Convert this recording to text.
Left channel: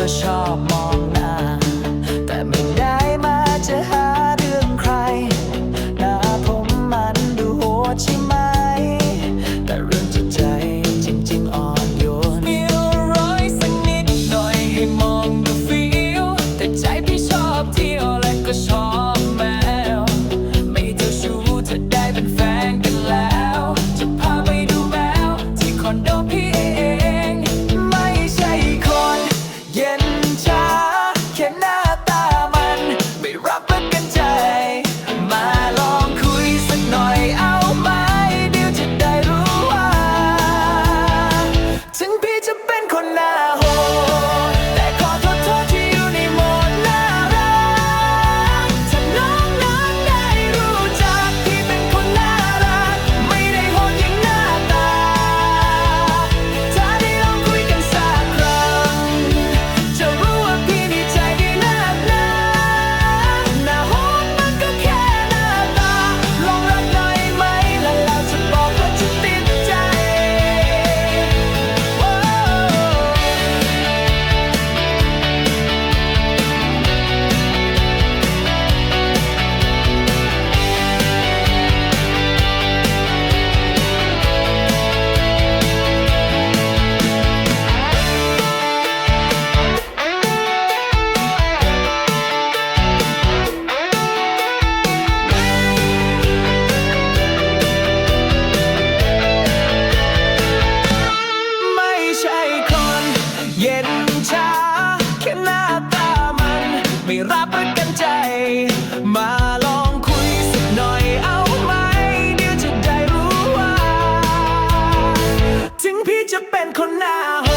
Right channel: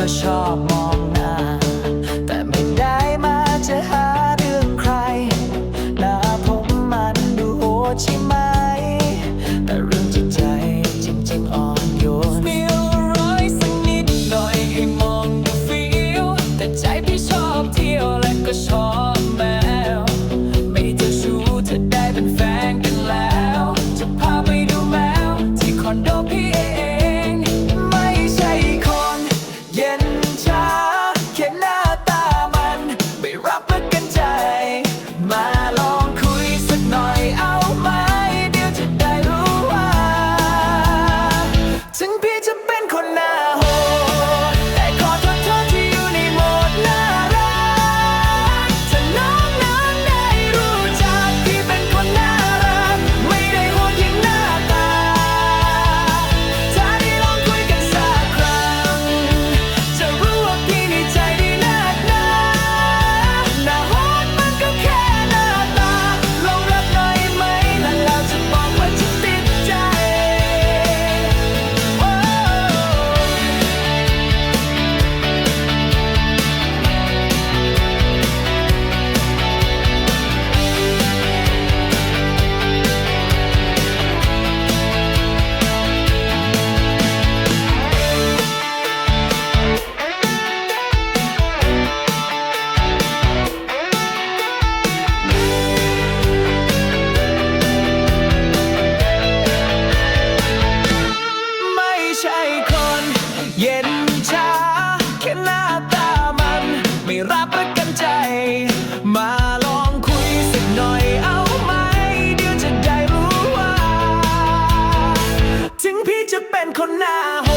ก็ชอบมองหน้า could not เย็นชาแค่หน้าตามัน ไม่รับประกันใจ มาลองคุยสักหน่อยเอาไหม เดี๋ยวจะได้รู้ว่า ถึงพี่จะเป็นคนหน้าโห